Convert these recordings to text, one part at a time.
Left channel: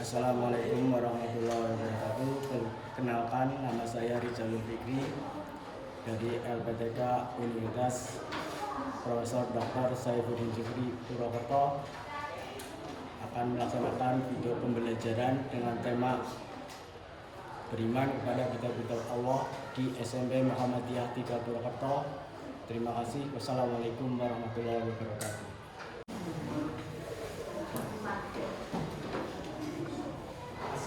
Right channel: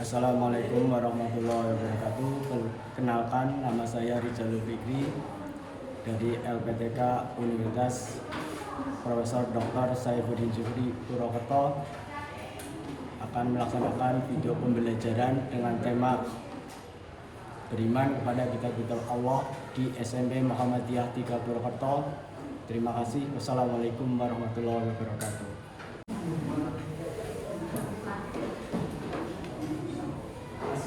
Assalamualaikum warahmatullahi wabarakatuh. Perkenalkan, nama saya Rizalul Fikri dari LPTK Universitas Profesor Dr. Saifuddin Zuhri Purwokerto akan melaksanakan video pembelajaran dengan tema beriman kepada kitab-kitab Allah di SMP Muhammadiyah 3 Purwokerto. Terima kasih. Wassalamualaikum warahmatullahi wabarakatuh.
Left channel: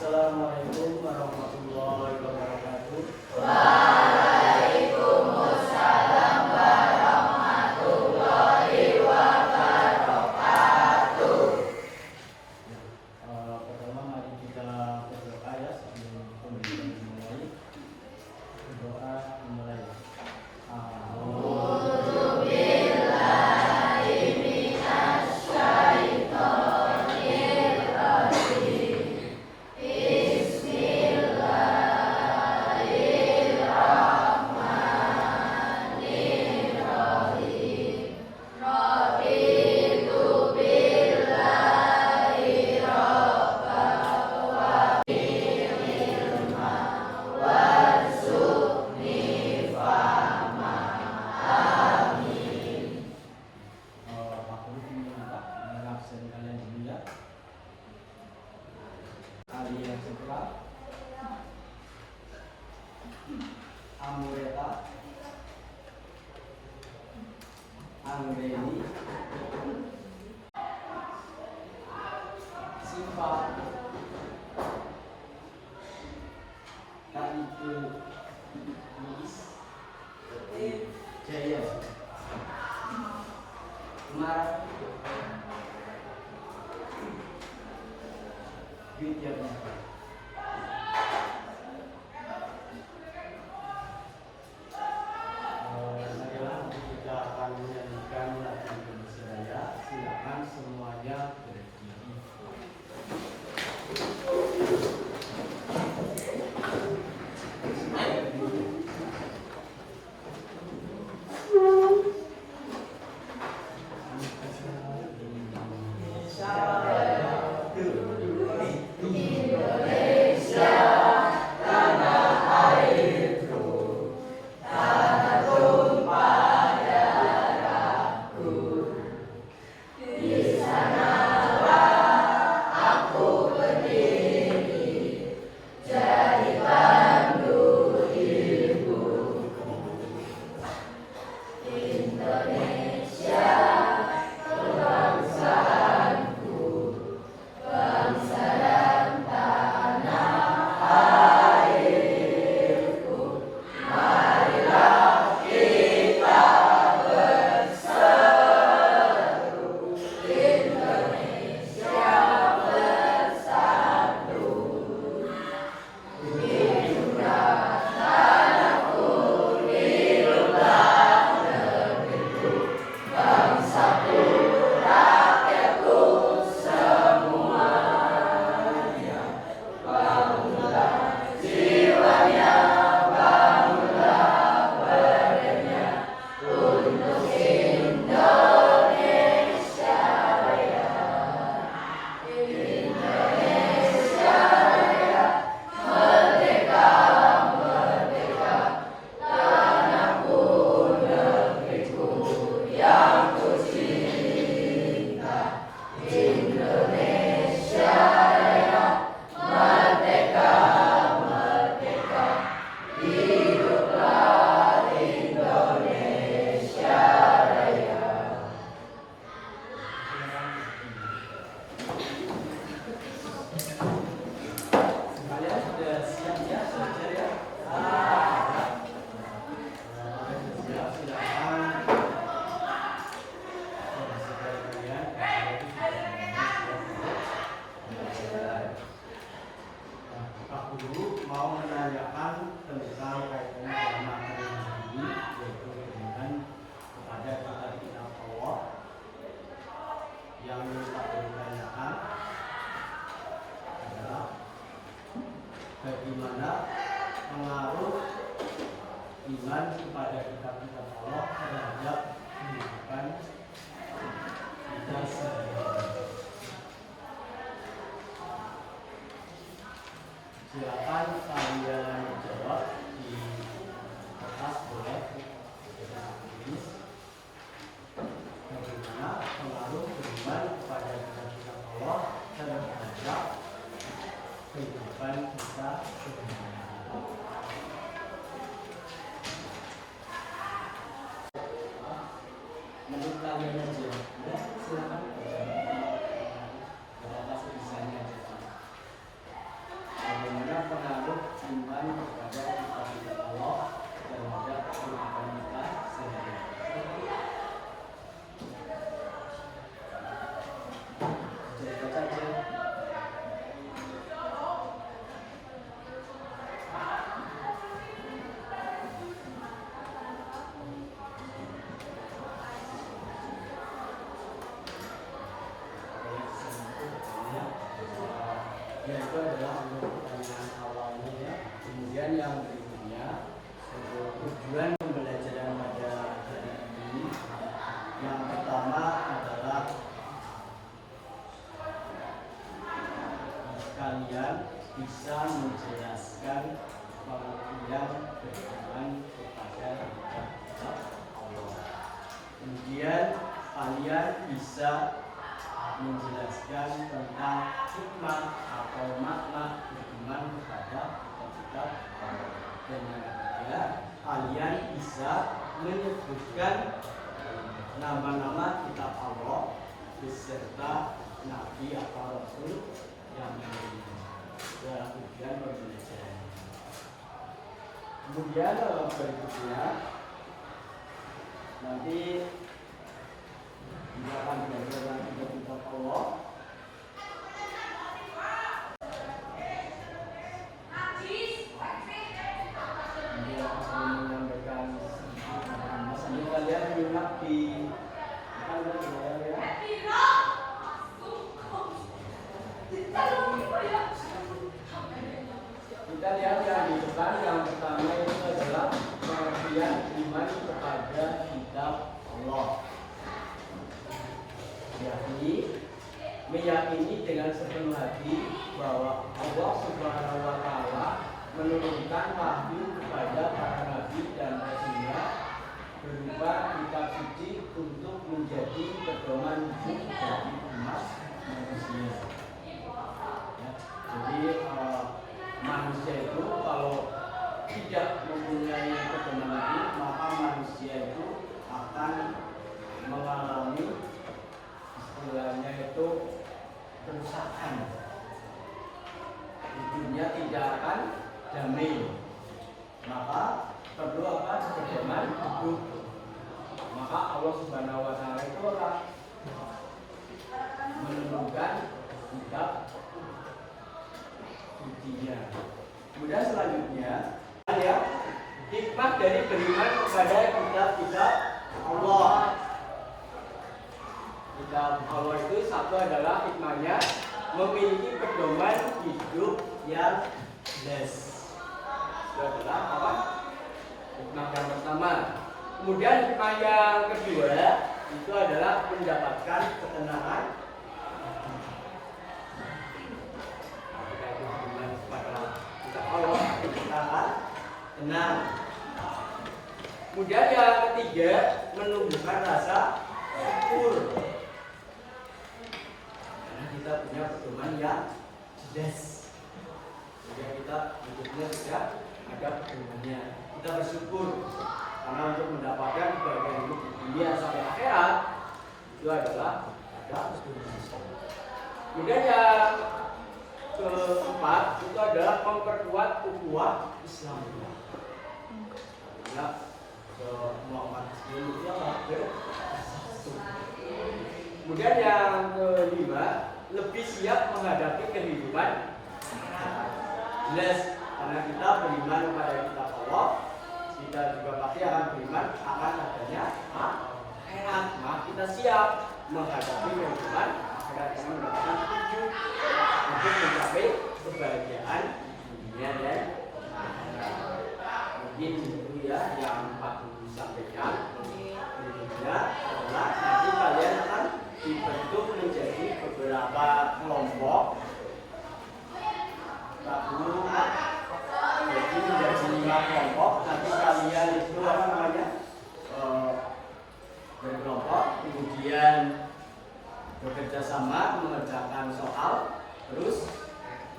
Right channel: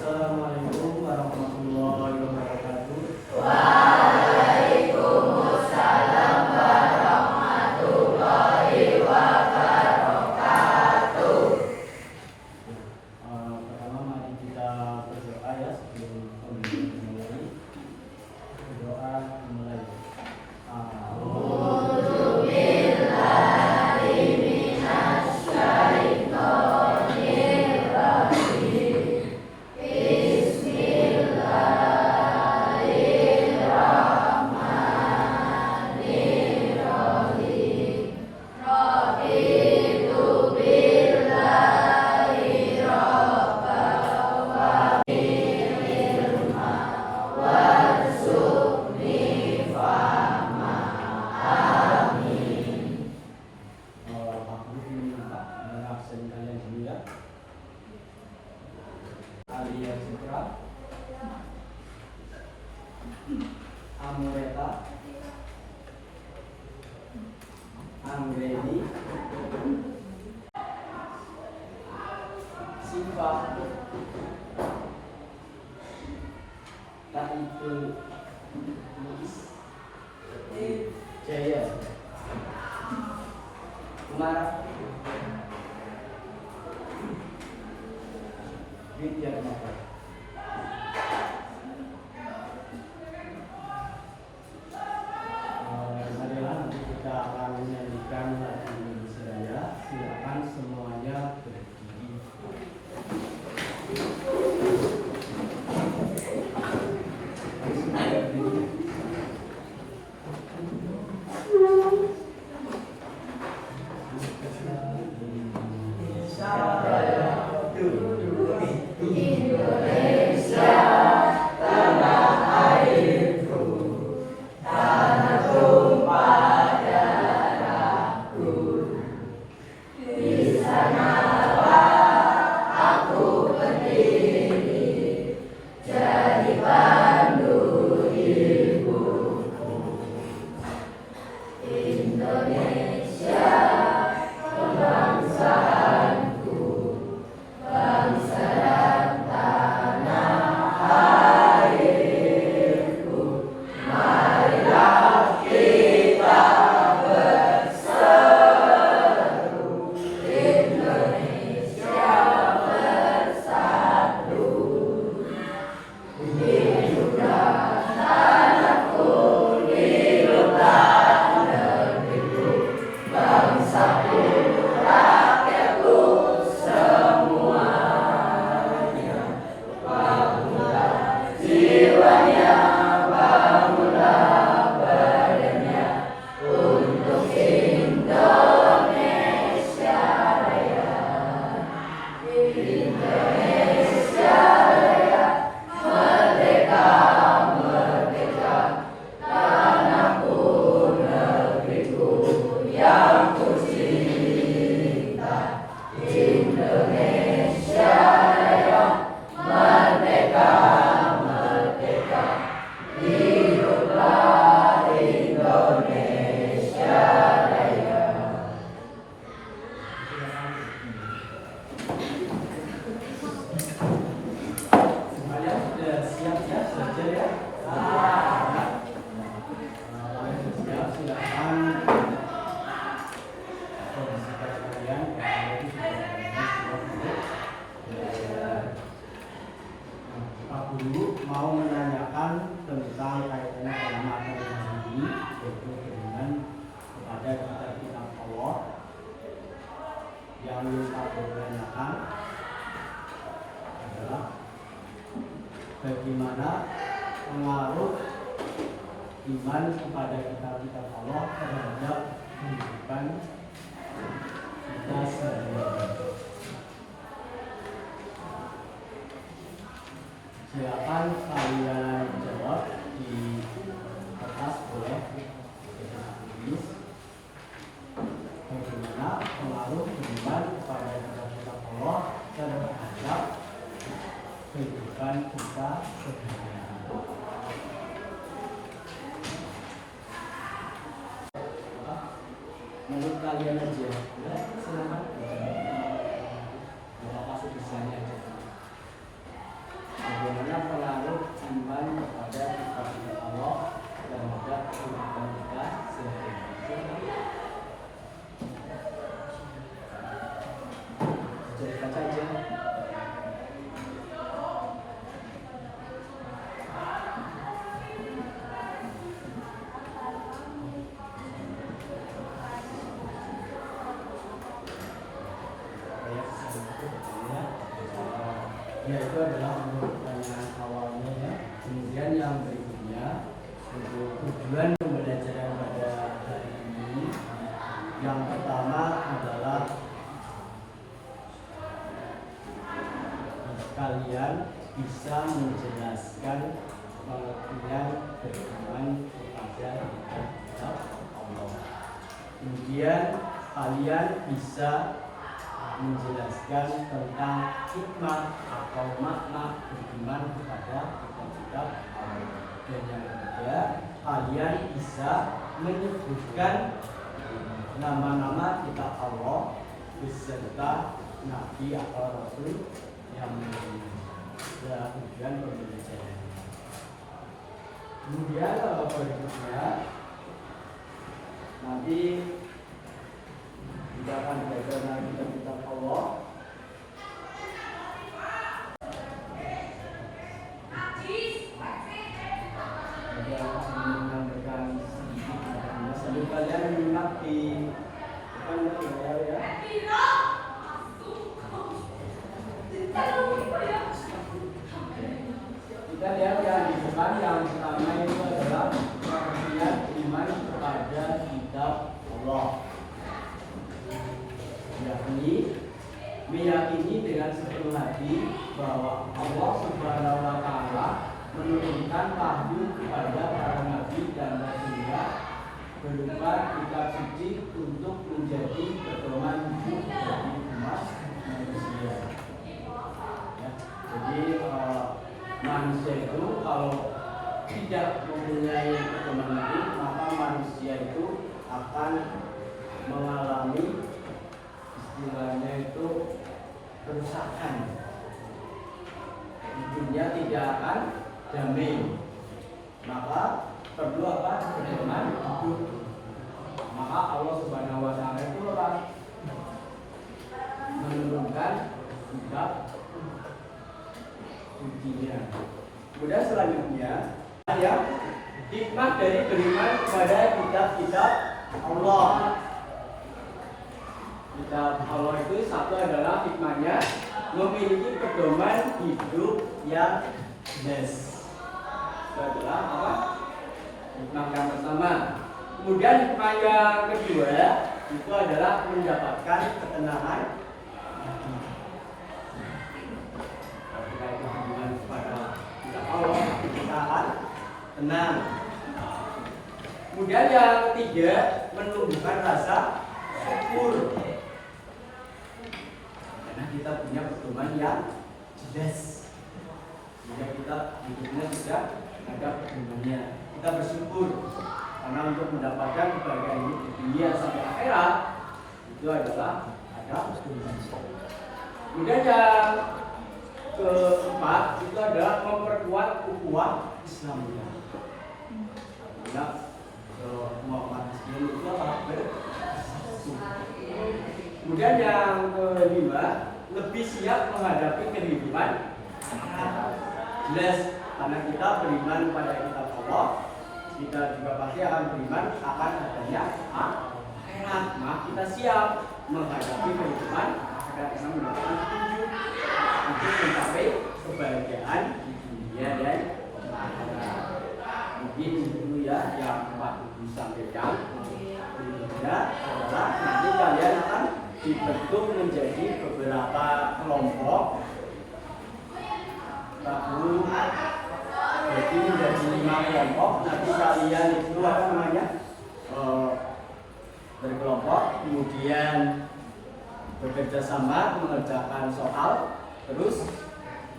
Assalamualaikum warahmatullahi wabarakatuh. Waalaikumsalam warahmatullahi wabarakatuh. Pertama mari kita berdoa ya sebelum pembelajaran dimulai. Berdoa dimulai. Alia Sutra, Amreta, Angreni, Siva, Taiful Luis, Jaya, Mar, Widyatmaka. Marilah kita akan menyanyikan lagu Indonesia. Silakan semuanya berdiri. Kalian sudah siap ya? Belajar ya? Siap, silakan. Kondisi pada kalian, Pak Guru mau menanyakan tentang kaitannya dengan materi hari ini, yaitu dengan kepada kitab Allah. Yang ingin Pak Guru tanyakan adalah bagaimana pengaruh iman kepada kitab-kitab Allah terhadap kehidupan kita sehari-hari. Silakan kalian jawab di kertas boleh. Bagaimana pengaruh iman kepada kitab Allah terhadap kehidupan kita sehari-hari? Menurut kalian aja, ya silakan. Kasih desainnya aja. Bagaimana pengaruh iman kepada kitab Allah terhadap kehidupan kita sehari-hari? Cerita saja. Itu adalah pertanyaan awalnya ya. Kemudian yang berikutnya untuk tujuan pembelajaran pada hari ini, yang pertama adalah kalian bisa menjelaskan pengertian beriman kepada kitab Allah. Kemudian kalian bisa menjelaskan tentang hikmah atau makna beriman kepada kitab Allah. Dan yang ketiga, kalian bisa menyebutkan nama-nama kitab Allah beserta nabi atau rasul yang lainnya. Adalah tujuan pembelajaran. Kemudian berikutnya nanti kita akan belajar tentang kitab Allah. Sambil kalian menyimak di ya. Kita lihat yang di depan, yang pertama itu adalah pengertian iman kepada kitab Allah. Meyakini dengan sepenuh hati bahwa Allah Subhanahu wa Ta'ala menurunkan wahyu kepada para nabi dan rasulnya berupa kitab suci untuk menjadi pedoman hidup bagi umat manusia. Ya, jadi manusia itu kalau tidak mempunyai pedoman hidup, maka manusia itu akan mengalami istilahnya itu kerusakan. Hidupnya tidak akan damai. Maka perlu apa? Pedoman hidup. Maka Allah Subhanahu wa Ta'ala itu menurunkan kitab sucinya. Kemudian selanjutnya ya, hikmah dari beriman kepada kitab-kitab Allah. Kitab Allah itu satu adalah hikmahnya memiliki pedoman hidup yang jelas. Itu adalah apa? Hikmah yang pertama. Kemudian hikmah yang kedua itu adalah mendapatkan ketenangan. Kalau kita itu beriman kepada kitab Allah, kita akan tenang. Kemudian yang ketiga, menumbuhkan rasa syukur. Karena kita punya pedoman yang jelas. Sehingga kita hidupnya sudah ada pedomannya. Kita bersyukur karena untuk mendapatkan kebahagiaan hidup di dunia sampai akhirat itu adalah ada pedoman. Kemudian yang keempat itu adalah memperkuat ukhuwah Islamiyah. Karena Muhammad Islam itu adalah bersatu. Kemudian yang kelima, lebih siap menghadapi kehidupan. Jelas, karena kita beriman kepada kitab Allah, kita juga pasti akan beriman akan adanya akhirat. Maka kita siap menghadapi kehidupan akhirat yang mendapatkan petunjuk untuk mencapai kebahagiaan di dunia dan mungkin itu ya yang Pak Guru sampaikan. Berikutnya adalah nanti kalian akan dibentuk menjadi beberapa kelompok Rabu. Jadi menjadi 5 kelompok. Nanti kalian itu apa namanya berkelompok, kemudian bekerja sama mengerjakan soal. Terus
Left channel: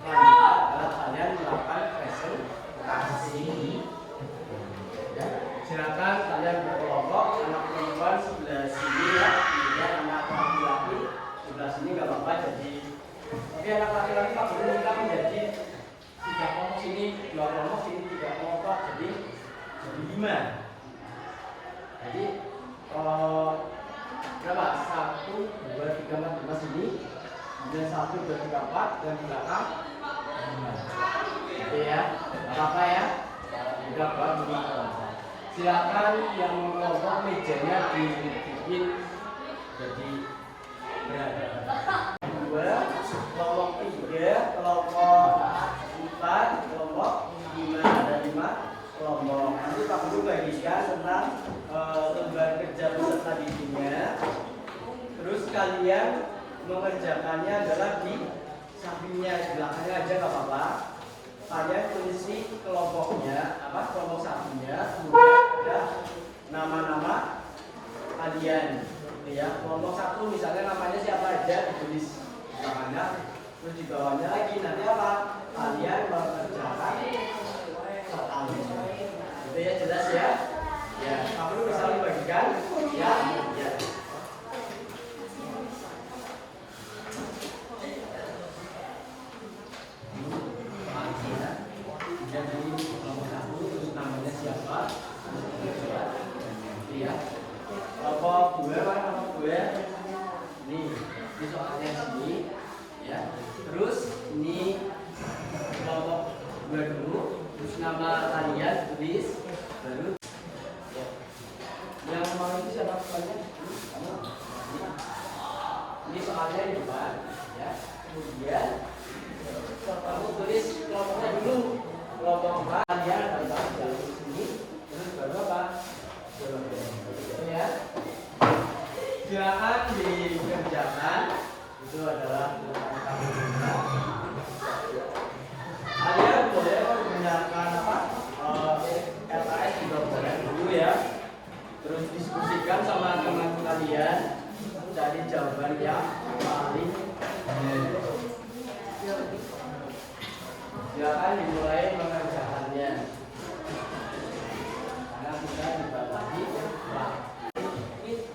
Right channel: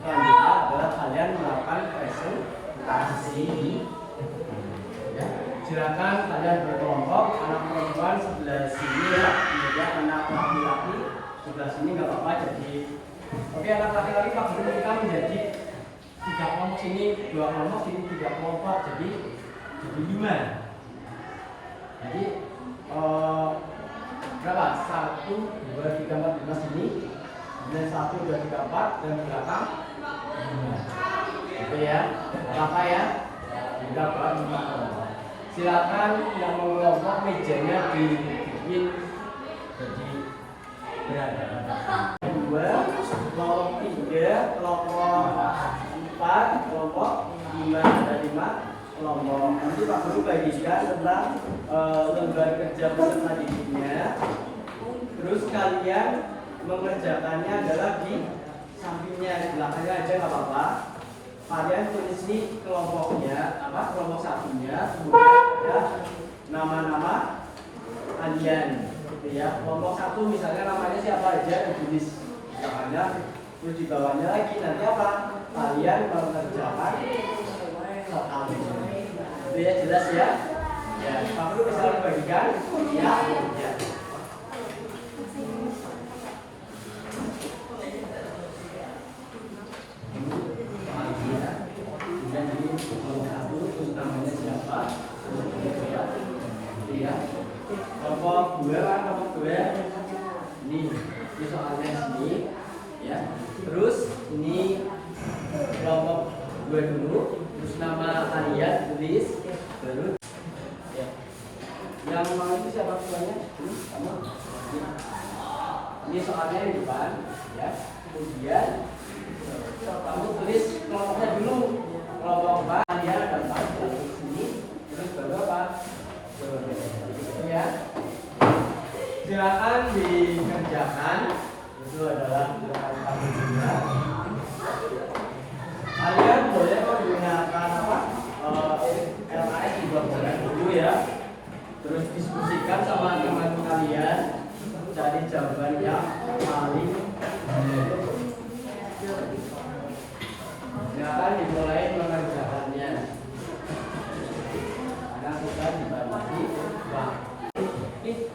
selanjutnya adalah kalian melakukan presentasi. Ya, silakan kalian berkelompok, anak perempuan sebelah sini ya, kemudian anak laki-laki sebelah sini nggak apa-apa. Jadi oke, anak laki-laki Pak Guru kita menjadi 3 kelompok, sini 2 kelompok, sini 3 kelompok, jadi 5. Jadi berapa? 1, 2, 3, 4, 5 sini, kemudian 1, 2, 3, 4 dan belakang 5. Gitu ya, apa ya? Udah Pak, 5 kelompok. Silakan yang mengelompok mejanya dibikin jadi berapa? 2, kelompok 3, kelompok 4, kelompok 5, ada 5 kelompok. Nanti Pak Guru bagikan tentang lembar kerja peserta didiknya. Terus kalian mengerjakannya adalah di sampingnya, di belakangnya aja nggak apa-apa. Kalian tulis kelompoknya, kelompok satunya, kemudian ada nama-nama kalian, gitu ya. Kelompok 1 misalnya namanya siapa aja ditulis di bawahnya, terus di bawahnya lagi nanti apa? Kalian mengerjakan soalnya. Itu ya, jelas ya? Ya, Pak Guru bisa bagikan? Ya, ya. Kelompok gue ini soalnya sini ya. Terus ini kelompok gue dulu, terus nama kalian tulis baru ya. Yang mau itu siapa tuanya? Ini soalnya di depan ya. Kemudian untuk tulis kelompoknya dulu, kelompok kalian dan di sini, terus baru apa? Ya. Silakan dikerjakan. Itu adalah tabelnya. Kalian boleh menggunakan LAS juga dulu ya. Terus diskusikan sama teman kalian, cari jawaban yang paling benar. Silakan dimulai mengerjakannya. Karena sudah dibagi.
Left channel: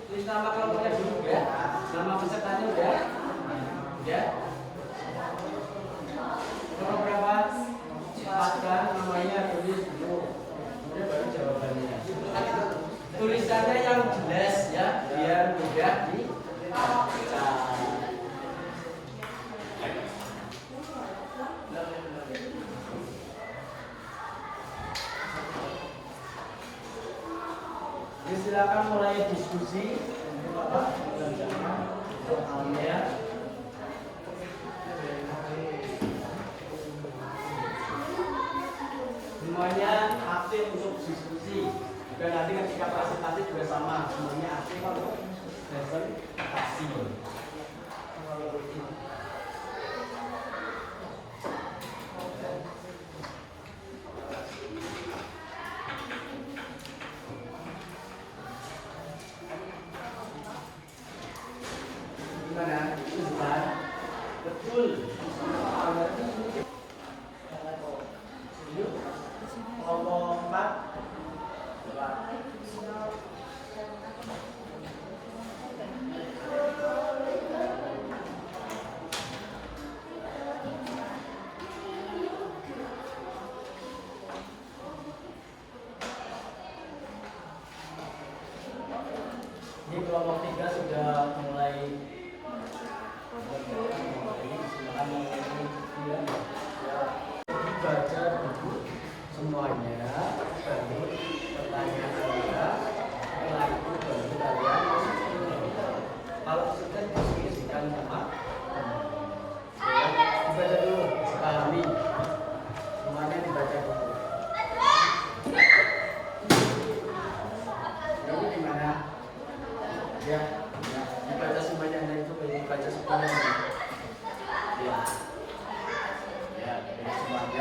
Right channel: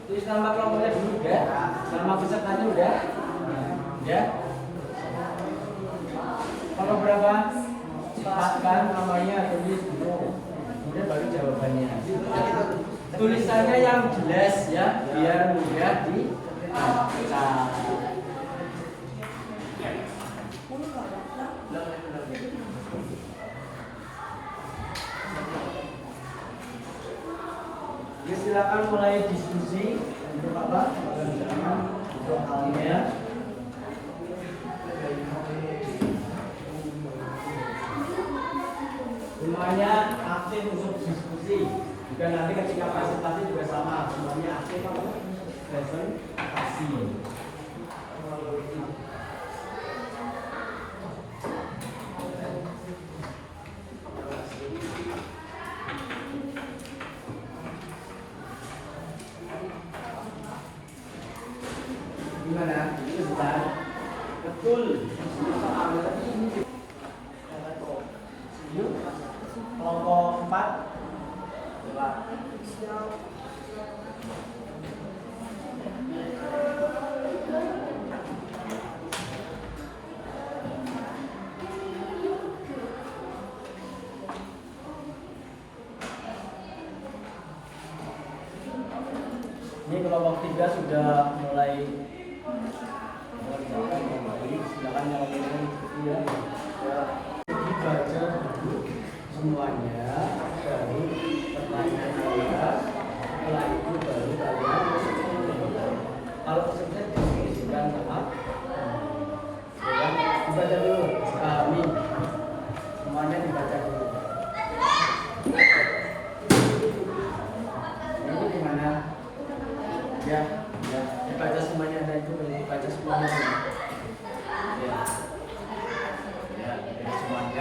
Tulis nama kelompoknya dulu ya. Nama pesertanya udah. Ya. Kalau berapa? Paskan namanya tulis dulu. Kemudian baru jawabannya. Tulisannya yang jelas ya, biar mudah dibaca. Jadi silakan mulai diskusi untuk apa? Soalnya semuanya aktif untuk diskusi. Juga nanti ketika presentasi juga sama, semuanya aktif untuk presentasi. Gimana? Itu sudah betul. Kelompok 4 ini kelompok 3 sudah mulai mengerjakan kembali. Silakan yang lain ya. Baca dulu semuanya, baru pertanyaan saya, setelah itu baru kalian kalau peserta diskusikan sama ya, dibaca dulu, dipahami semuanya, dibaca dulu. Ini gimana? Ya, ya, dibaca semuanya, dan itu dibaca semuanya. Ya, ya, semuanya.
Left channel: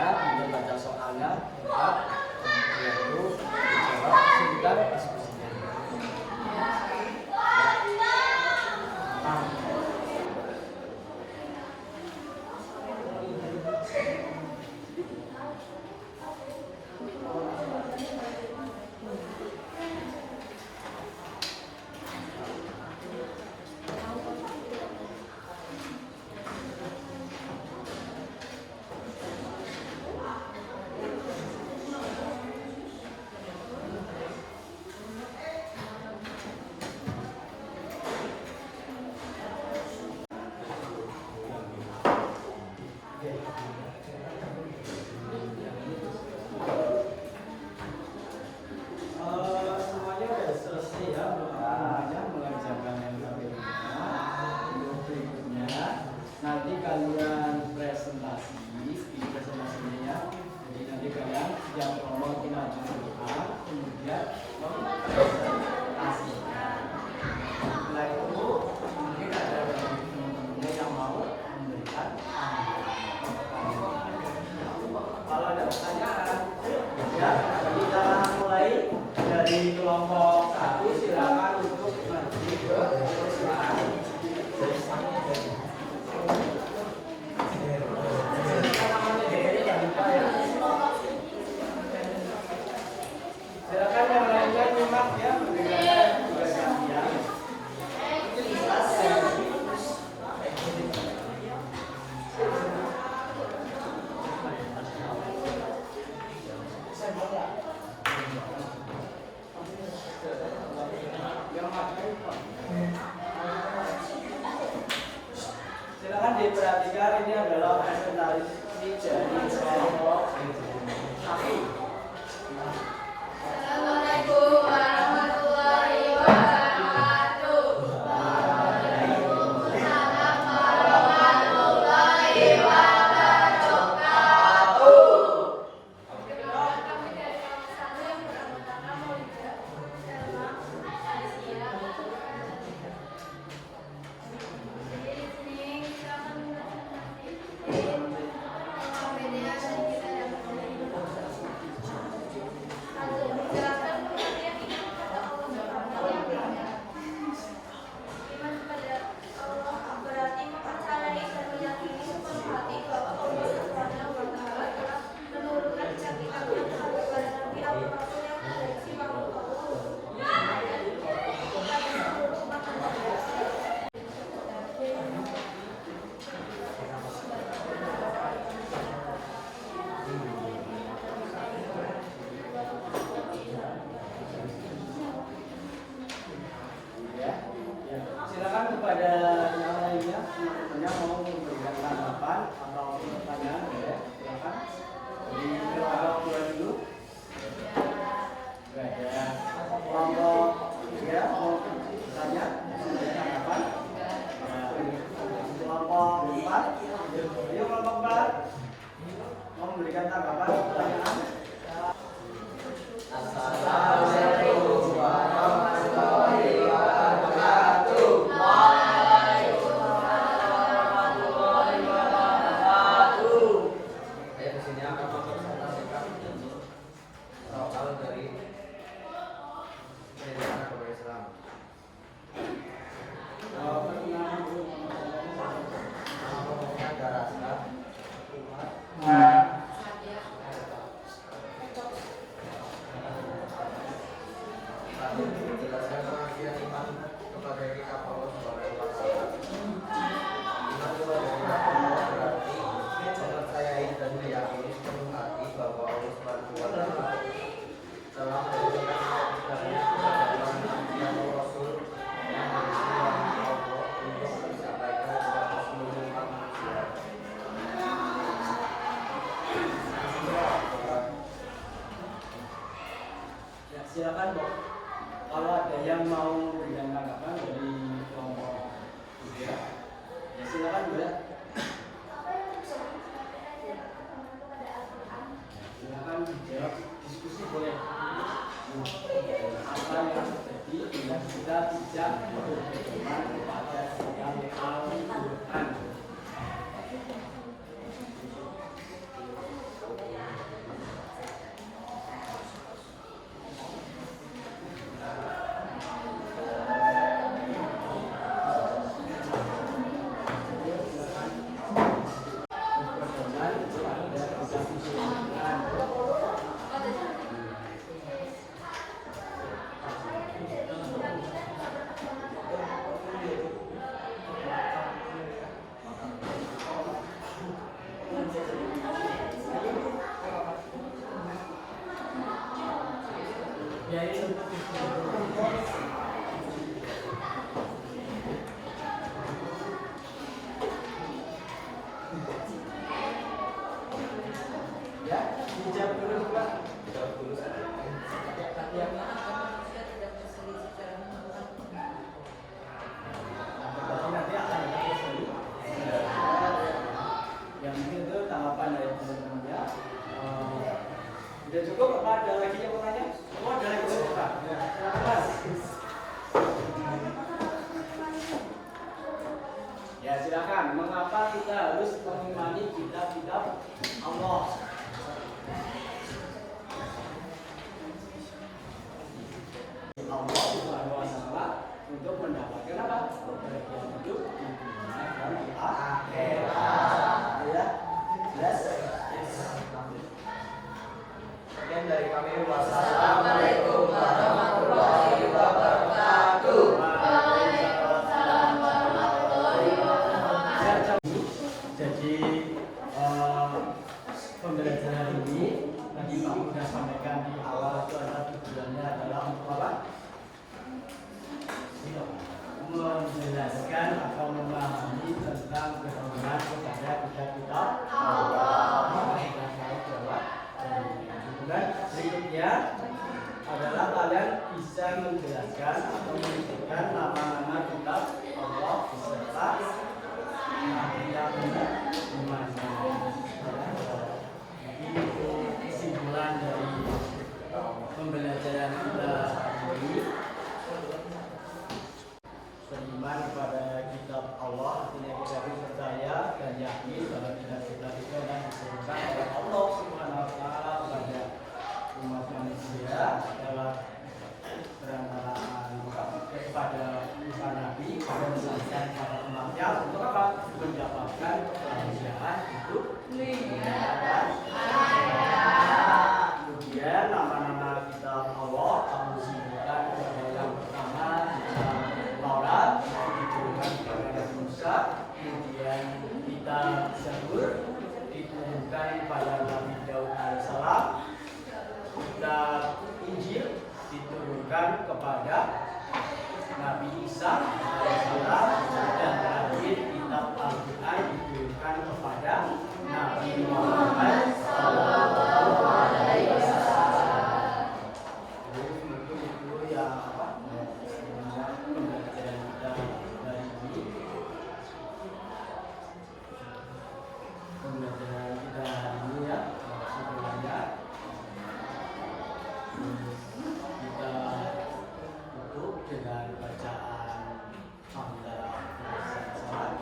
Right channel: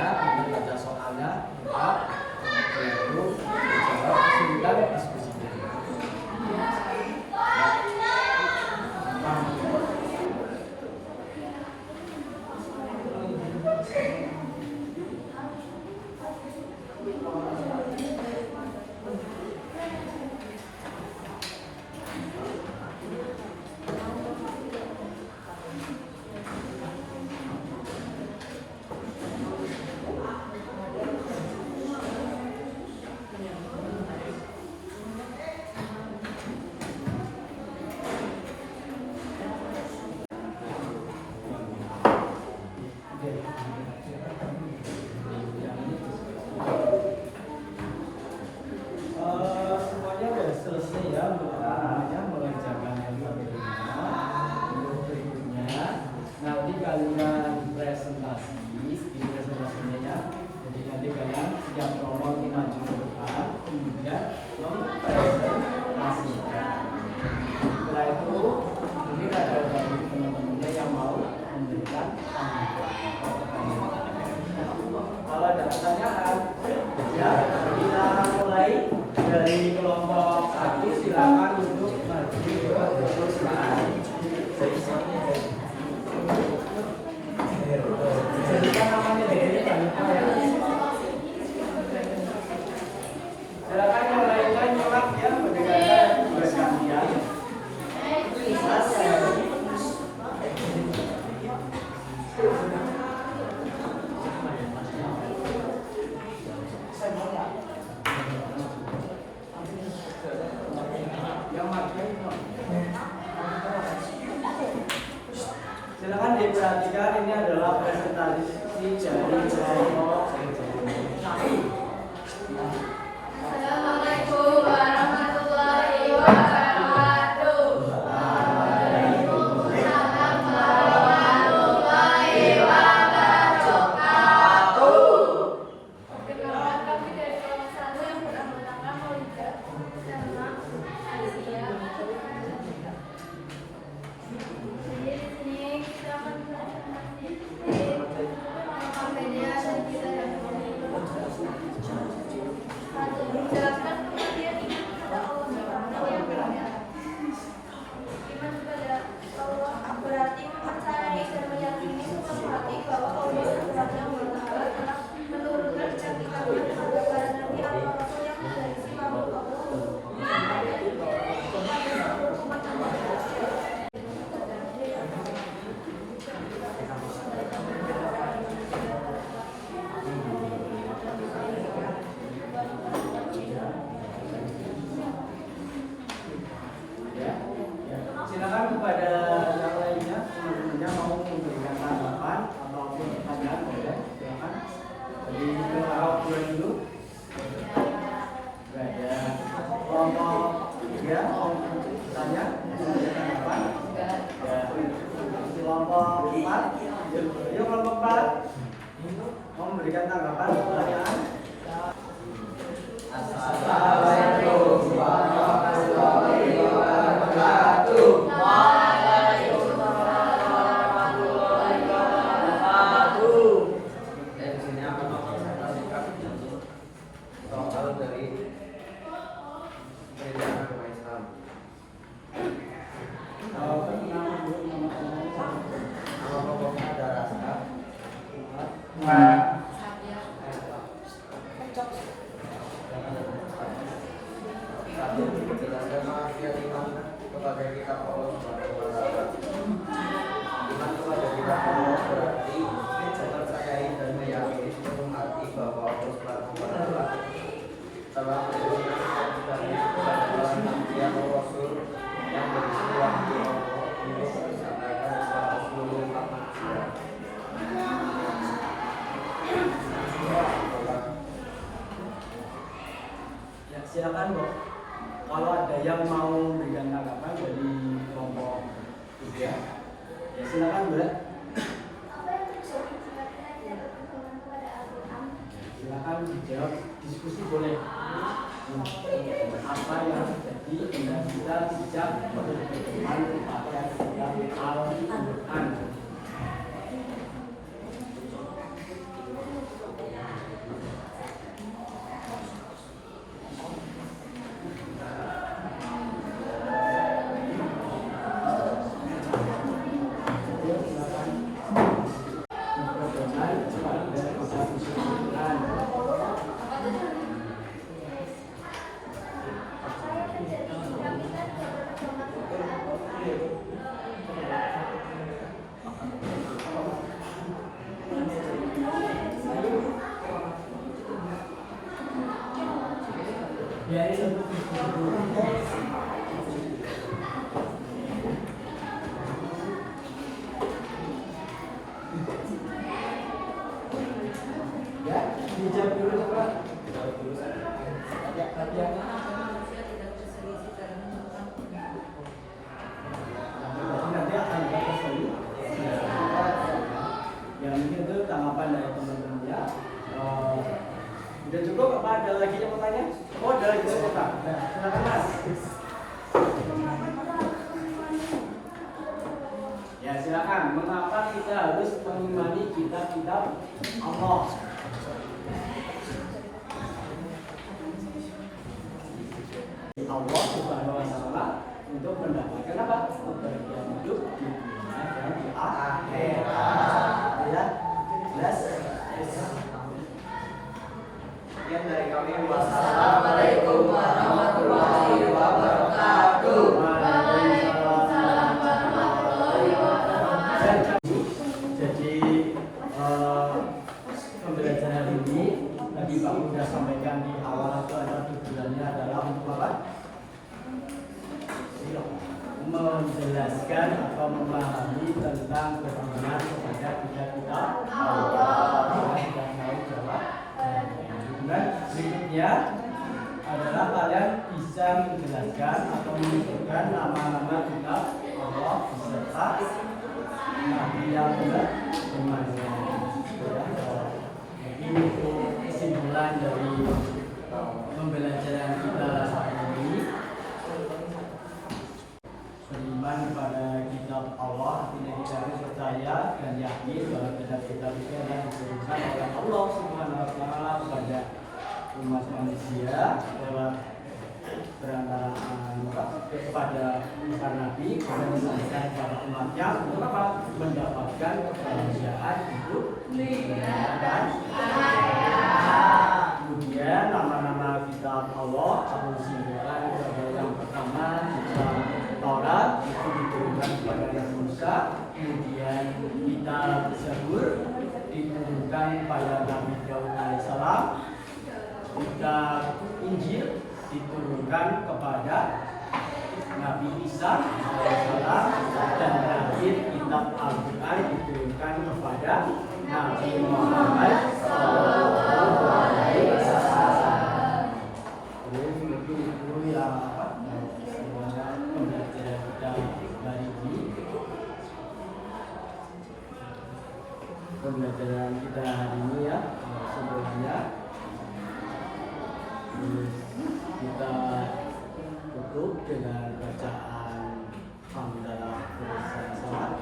Kalau ada pertanyaan, ya kita mulai dari kelompok 1. Silakan untuk maju ke perusahaan. Sebutkan namanya dulu, jangan lupa ya. Silakan yang lain-lain nyimak ya, mendengarkan tugas kalian. Silakan diperhatikan, ini adalah presentasi dari kelompok. Assalamualaikum warahmatullahi wabarakatuh. Waalaikumsalam warahmatullahi wabarakatuh. Perkenalkan, kami dari kelompok 1 yang bernama Maulida sama Asia. Jadi di sini kita akan mengenai dan kita yang satu, menjelaskan kematian iman kepada Allah Subhanahu wa Ta'ala. Iman kepada Allah berarti mempercayai dan meyakini sepenuh hati bahwa Allah Subhanahu wa Ta'ala telah menurunkan kecantikannya kepada para nabi atau rasul yang memiliki makhluk Allah kepada seluruh umat manusia. Silakan kepada yang lainnya, teman-temannya mau memberikan tanggapan atau pertanyaan, ya silakan. Jadi kelompok 2 dulu. Gak ada. Kelompok 3 mau bertanya, memberikan tanggapan. Ya. Kelompok 4, yuk kelompok 4 mau memberikan tanggapan, pertanyaan. Assalamualaikum warahmatullahi wabarakatuh. Saya di sini akan mempresentasikan soal dari pendidikan agama Islam. Nama pokoknya ada rasa. Satu, menjelaskan pengertian iman kepada kitab Allah Subhanahu wa Ta'ala. Iman kepada kitab Allah berarti mempercayai dan meyakini sepenuh hati bahwa Allah Subhanahu wa Ta'ala telah menurunkan kitab-kitabnya kepada para nabi atau rasul yang berisi wahyu Allah untuk disampaikan kepada seluruh umat manusia. Ya, silakan Dok. Kalau ada yang mau memberikan tanggapan dari kelompok 3, ya silakan Bu. Silakan dijawab, diskusi boleh. Apa yang terjadi bila kita tidak berpedoman kepada kitab Al-Quran? Ya, dijawab dulu Pak. Jawab dulu saja. Manusia tidak berselisih karena menurut Nanti akan ada sesi. Yang mungkin itu tanggapan dari teman-temannya. Udah cukup apa ada lagi yang bertanya? Oh ada lagi yang bertanya. Ya, silakan Mas. Ya silakan. Mengapa kita harus harus mengimani kitab-kitab Allah. Allah Subhanahu wa taala untuk mendapatkan apa? Kebahagiaan hidup di dunia dan di akhirat. Ya. Jelas? Sekian dari kami. Assalamualaikum warahmatullahi wabarakatuh. Waalaikumsalam warahmatullahi wabarakatuh. Jadi pembelajaran hari ini tadi Pak sudah sampaikan di awal itu ada tujuannya adalah untuk apa? Menjelaskan atau memahami tentang beriman kepada kitab-kitab Allah. Sudah tahu jawab. Dan berikutnya adalah kalian bisa menjelaskan atau menyebutkan nama-nama kitab Allah beserta yang benar imannya. Ini itu kesimpulan dari pembelajaran kita hari ini. Beriman kepada kitab Allah artinya kita harus percaya dan yakin bahwa kitab-kitab itu adalah diturunkan oleh Allah Subhanahu wa taala kepada umat manusia lewat berantaraan kepada para nabi dan disampaikan kepada umatnya untuk apa? Mendapatkan kebahagiaan hidup dan kemudian nama-nama kitab Allah harus disebutkan kepada yang pertama kitab Taurat itu diturunkan kepada Nabi Musa, kemudian kitab Zabur diturunkan pada Nabi Daud alaihissalam, kitab Injil diturunkan kepada Nabi Isa alaihissalam, dan terakhir kitab Al-Quran diturunkan kepada Nabi Muhammad sallallahu alaihi wasallam. Jadi mungkin itu yang pembelajaran kita hari ini. Pembelajaran kita hari ini ya sebenarnya kita tutup dengan bacaan hamdalah bersama.